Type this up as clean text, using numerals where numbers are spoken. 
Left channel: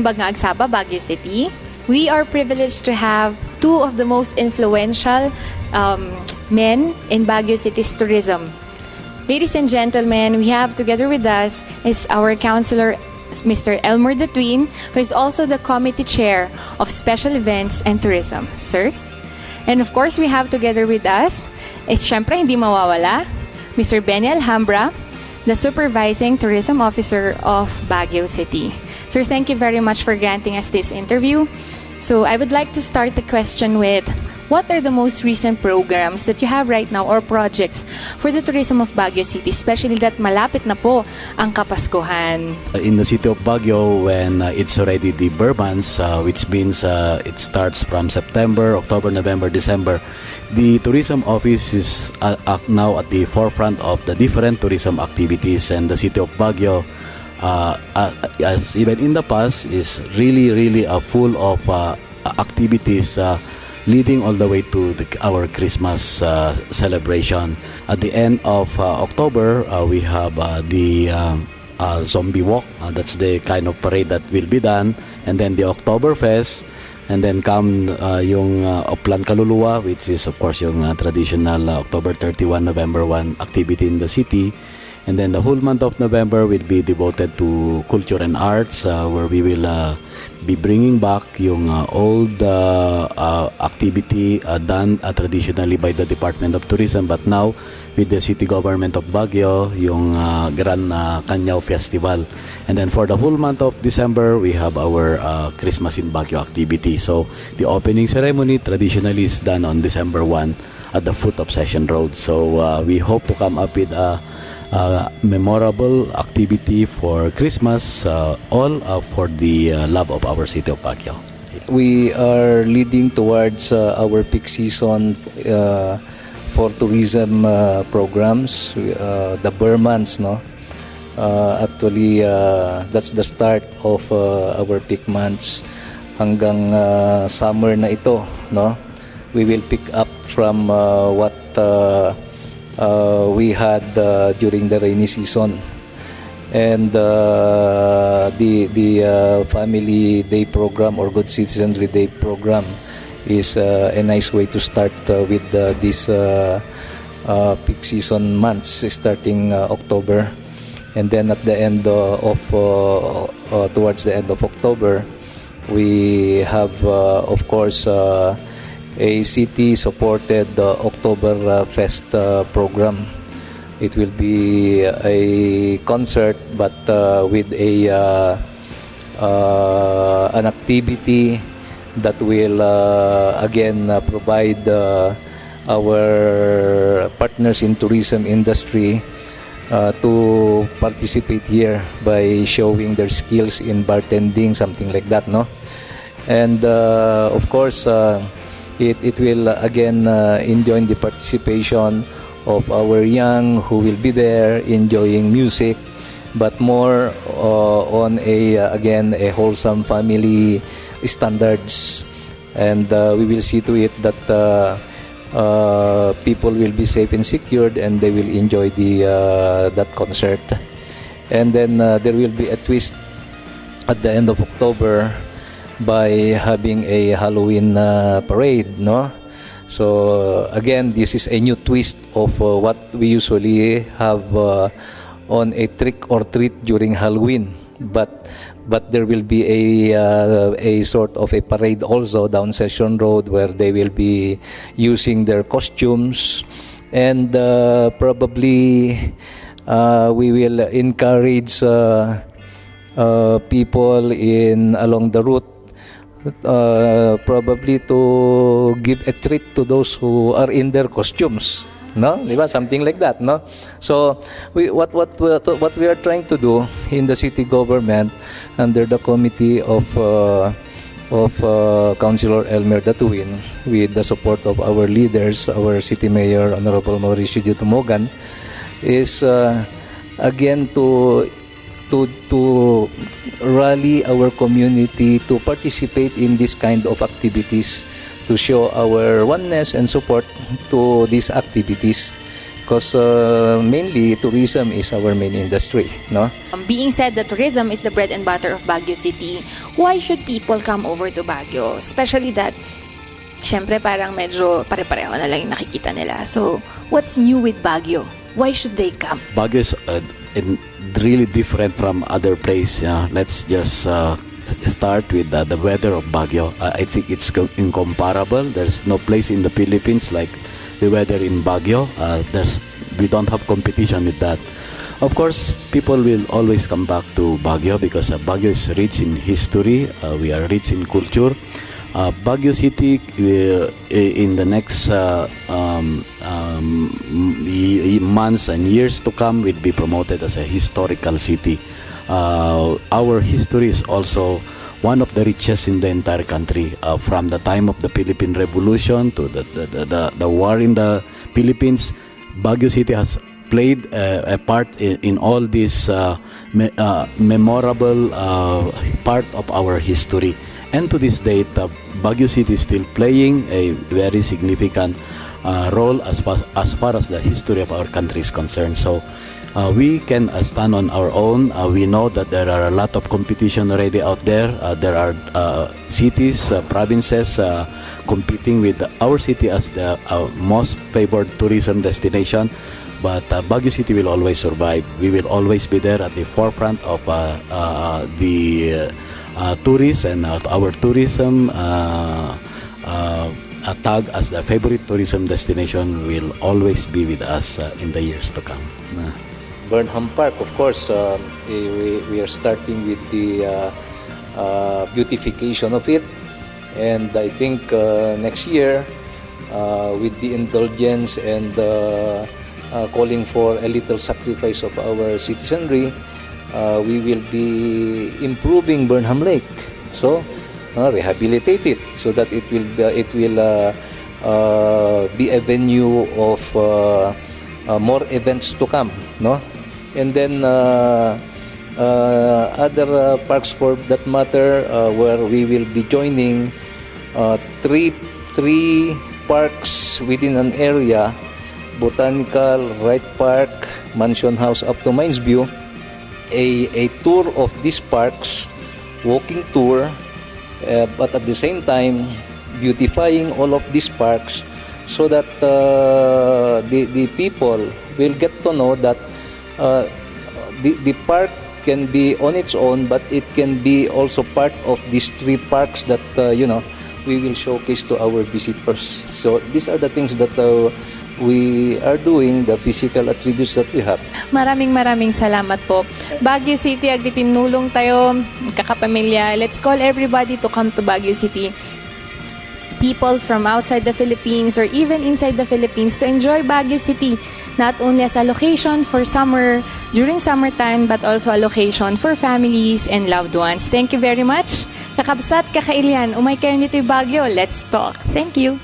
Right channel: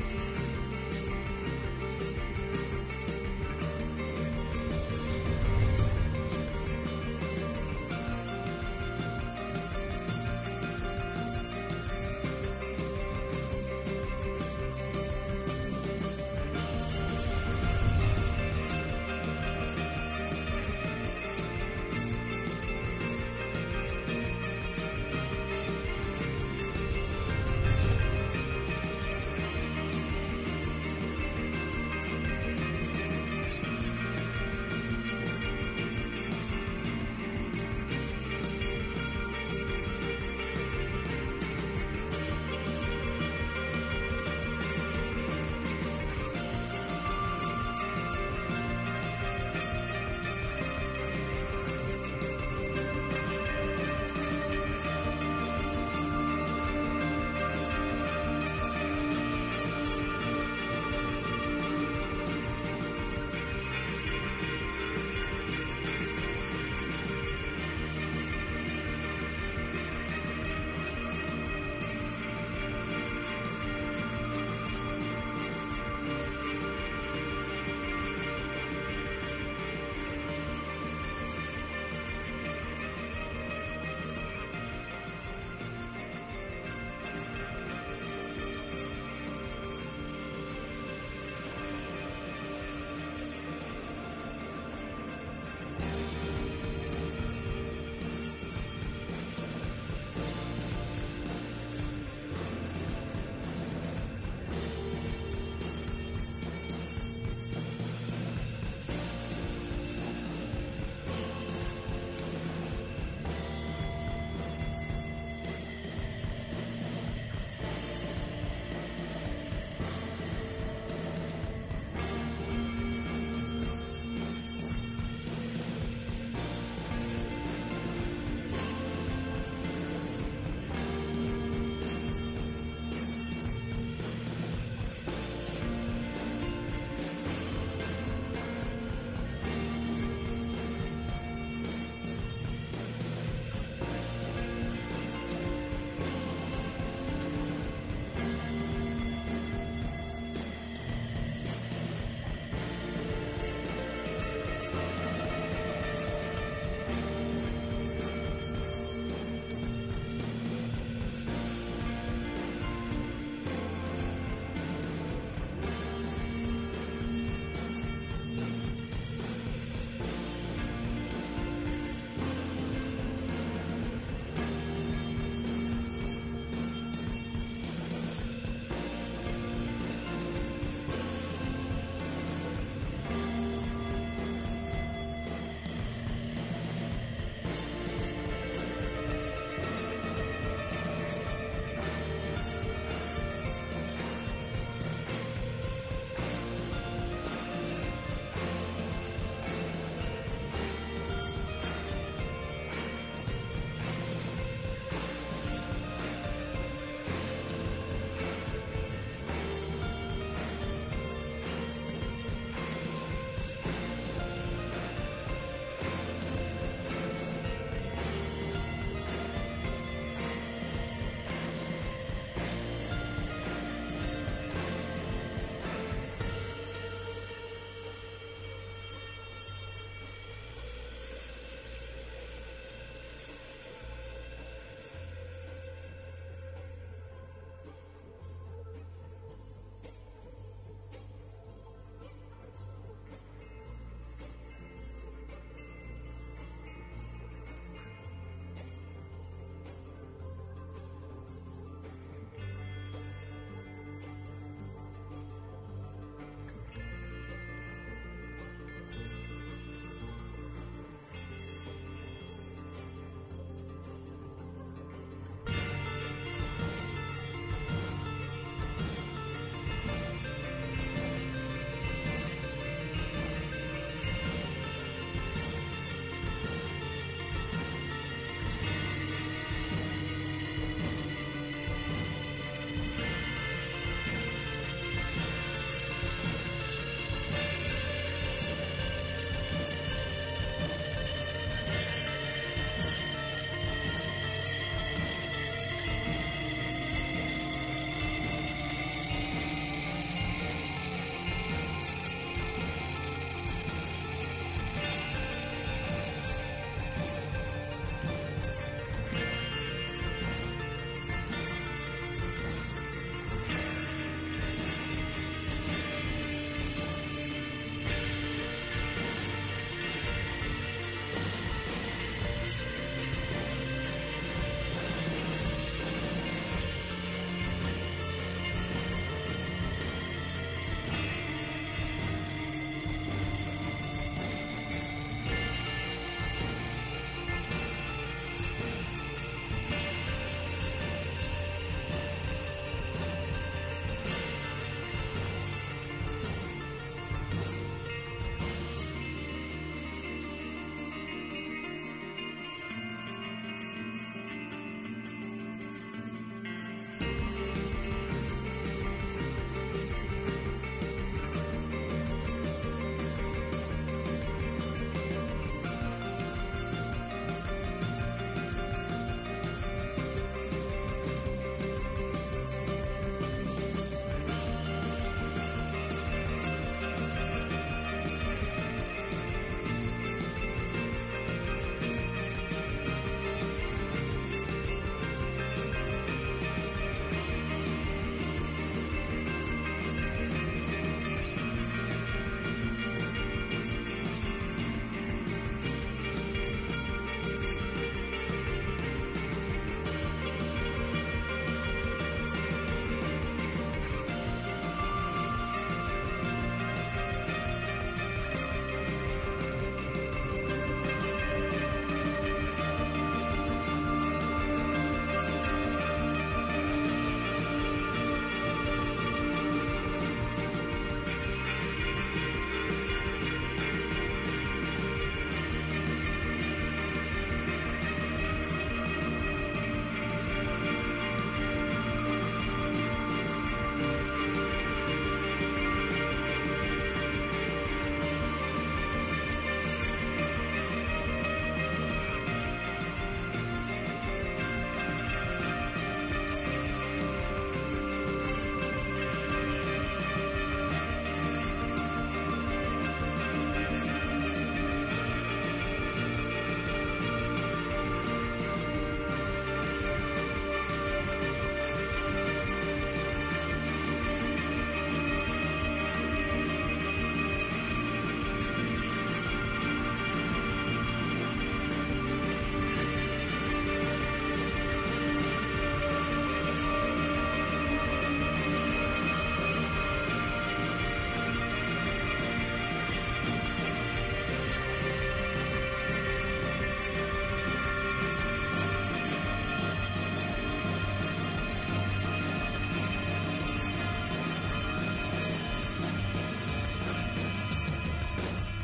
Bagna Agsapa, Baguio City. We are privileged to have two of the most influential men in Baguio City's tourism. Ladies and gentlemen, we have together with us is our councilor, Mr. Elmer the Twin, who is also the committee chair of special events and tourism. Sir? And of course, we have together with us is syempre hindi mawawala, Mr. Benny Alhambra, the supervising tourism officer of Baguio City. Sir, thank you very much for granting us this interview. So I would like to start the question with, what are the most recent programs that you have right now or projects for the tourism of Baguio City, especially that malapit na po ang Kapaskuhan? In the city of Baguio, when it's already the Burr months, which means it starts from September, October, November, December, the tourism office is now at the forefront of the different tourism activities, and the city of Baguio, as even in the past, is really full of activities leading all the way to our Christmas celebration. At the end of October, we have the Zombie Walk. That's the kind of parade that will be done. And then the Oktoberfest. And then come yung Oplan Kaluluwa, which is of course yung traditional October 31, November 1 activity in the city. And then the whole month of November will be devoted to culture and arts, where we will be bringing back yung old activity done traditionally by the Department of Tourism, but now with the city government of Baguio, yung Gran Canyaw Festival. And then for the whole month of December, we have our Christmas in Baguio activity. So the opening ceremony traditionally is done on December 1 at the foot of Session Road. So we hope to come up with a memorable activity for Christmas, all for the love of our city of Baguio. We are leading towards our peak season for tourism programs, the Burr months, no? Actually, that's the start of our peak months hanggang summer na ito, no? We will pick up from what we had during the rainy season, and the Family Day program or Good Citizenry Day program is a nice way to start with these peak season months starting October, and then at the end of towards the end of October, we have of course a city-supported Oktober Fest program. It will be a concert, but with an activity that will again provide our partners in tourism industry to participate here by showing their skills in bartending, something like that, no? And of course, it will again enjoy the participation of our young who will be there enjoying music, but more on again a wholesome family standards, and we will see to it that people will be safe and secured, and they will enjoy that concert. And then there will be a twist at the end of October by having a Halloween parade, no? So again, this is a new twist of what we usually have on a trick or treat during Halloween, but there will be a sort of a parade also down Session Road, where they will be using their costumes, and probably we will encourage people along the route probably to give a treat to those who are in their costumes, no? Diba? Something like that, no? So what we are trying to do in the city government under the committee of Councilor Elmer the Twin, with the support of our leaders, our City Mayor Honorable Mauricio J. Tumogan, is again to rally our community to participate in this kind of activities, to show our oneness and support to these activities. because mainly tourism is our main industry, no? Being said that tourism is the bread and butter of Baguio City, why should people come over to Baguio? Especially that, syempre parang medyo pare-pareho na lang yung nakikita nila. So, what's new with Baguio? Why should they come? Baguio is really different from other places. Let's just start with the weather of Baguio. I think it's incomparable. There's no place in the Philippines like the weather in Baguio. We don't have competition with that. Of course, people will always come back to Baguio because Baguio is rich in history. We are rich in culture. Baguio City in the next months and years to come will be promoted as a historical city. Our history is also one of the richest in the entire country. From the time of the Philippine Revolution to the war in the Philippines, Baguio City has played a part in all this memorable part of our history. And to this date, Baguio City is still playing a very significant role as far as the history of our country is concerned. So we can stand on our own. We know that there are a lot of competition already out there. There are cities, provinces competing with our city as the most favored tourism destination. But Baguio City will always survive. We will always be there at the forefront of the tourists, and our tourism tag as the favorite tourism destination will always be with us in the years to come. Burnham Park, of course, we are starting with the beautification of it, and I think next year, with the indulgence and calling for a little sacrifice of our citizenry, we will be improving Burnham Lake. So, rehabilitate it so that it will be a venue of more events to come, no? And then other parks for that matter, where we will be joining three parks within an area: Botanical, Wright Park, Mansion House up to Mines View. A tour of these parks, walking tour, but at the same time beautifying all of these parks so that the people will get to know that the park can be on its own, but it can be also part of these three parks that we will showcase to our visitors. So these are the things that we are doing, the physical attributes that we have. Maraming salamat po. Baguio City, agdi tinulong tayo, kakapamilya. Let's call everybody to come to Baguio City. People from outside the Philippines or even inside the Philippines to enjoy Baguio City, not only as a location for summer, during summertime, but also a location for families and loved ones. Thank you very much. Kakabsat, kakailian, umay kayo nito Baguio. Let's talk. Thank you.